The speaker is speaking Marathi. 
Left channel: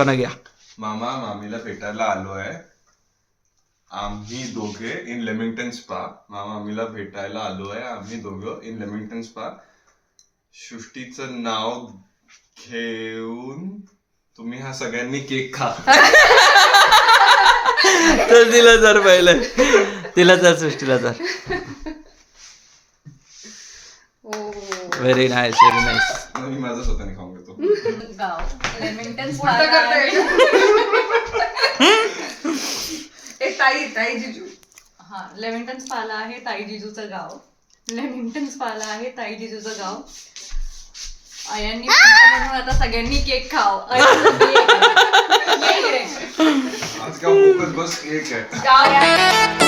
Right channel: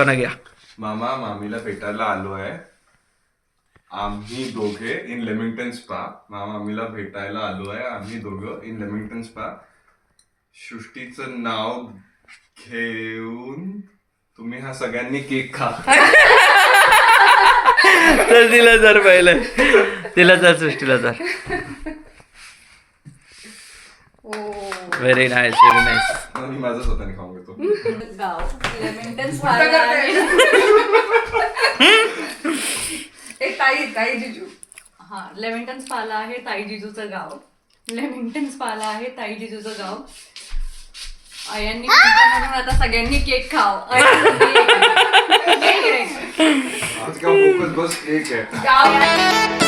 लोकांना घ्या. मामा मामीला भेटायला आलो आहे. आम्ही दोघे इन लेमिंग्टन स्पा. मामा मामीला भेटायला आलो आहे आम्ही दोघं इन लेमिंग्टन स्पा. सृष्टीचं नाव घेऊन तुम्ही हा सगळ्यांनी केक खा. तर तिला जर पहिलं तिला जर सृष्टीला जर व्हेरी नाईस व्हेरी नाईस. मी माझं स्वतःने खाऊन घेतो. गाव लेमिंग्टन ताई जिजू. हा लेमिंग्टन स्पाला आहे ताई जिजूचं गाव. लेमिंग्टन स्पाला आहे ताई जिजूचं गाव. आयांनी म्हटलं म्हणून आता सगळ्यांनी केक खाव. आज का फोकस बस केक आहे.